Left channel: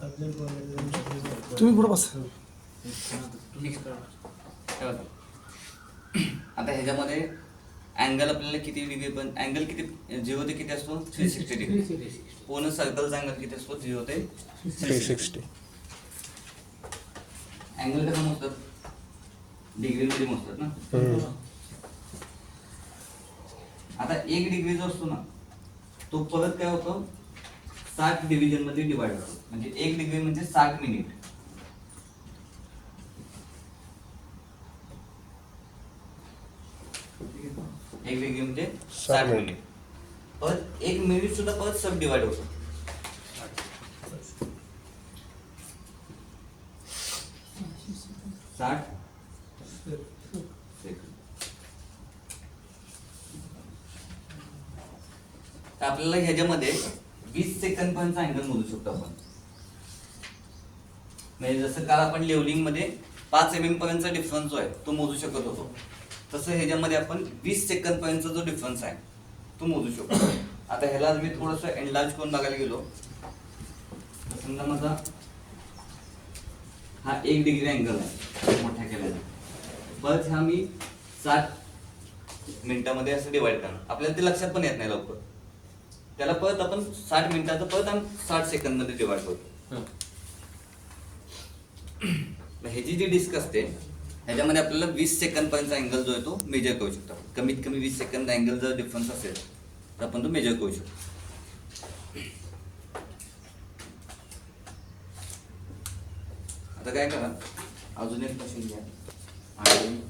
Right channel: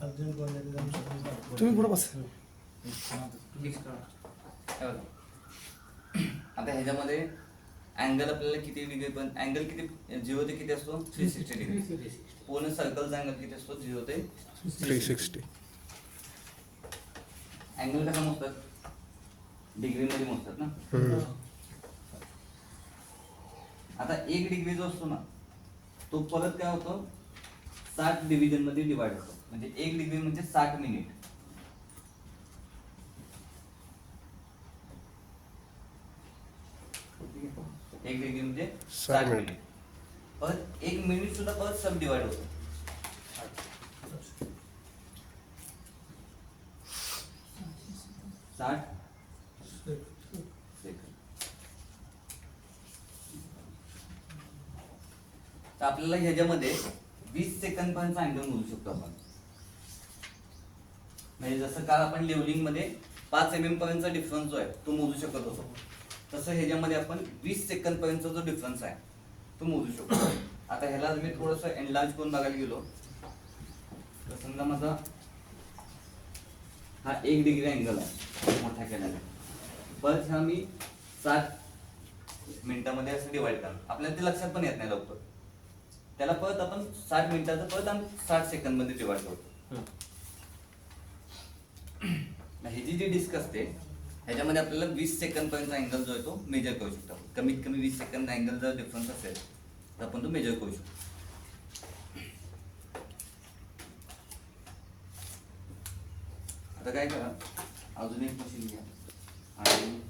तुम्ही पुढे बस. आता ह्याच्यामध्ये अँगल आपल्याला किती डिग्री पण अँगल किती 0 ते किती असतो 360 डिग्री. पूर्ण सर्कलचा अँगल किती असतो 0 ते 360. अँगल कसा मोजतात डिग्रीमध्ये मोजतात ना. आता 1 डिग्री जो असतो ना तो परत काय होतो 60 डिव्हिजन मध्ये डिवाइड होतो. म्हणजे 1 डिग्री म्हणजे 60 मिनिट. एक डिग्री म्हणजे 60 मिनिट. परत 1 मिनिट सुद्धा परत सब डिवाइड होतो. आपल्याला ह्याच्यामध्ये 20 सेकंद पर्यंत अँगल मोजू शकतो आपण. म्हणजे जसं काल आपण लेवलिंग मध्ये 5 mm पर्यंतचा डिफरन्स जो आहे तो मोजू शकत होतो, तसं ह्याच्यामध्ये आपण 20 सेकंद पर्यंतचा जो डिफरन्स आहे तो मोजू शकतो. आता ह्याला मी थोडस एनलार्ज करून बघायला गेलो तर समजा माझा हा 1 डिग्री अँगल आहे मोठ्या केल्याने, परत हा मी 60 मिनिटामध्ये असं डिवाइड करणार. आपल्याला ते लक्षात पण येत नाही लवकर. त्याला परत आपण 60 मिनिटाचं परत आणि 60 सेकंद मध्ये डिवाइड करतो. ह्याची जी डिस्क असते ह्याच्यामध्ये आपल्याला 20 सेकंद पर्यंत अँगल जो आहे तो मेजर करू शकतो. कमीत कमी 20 सेकंद अँगल जर डिफरन्स असेल तर आपण तो मेजर करू शकतो. आता काय करा, अजून एक मशीन घ्या आणि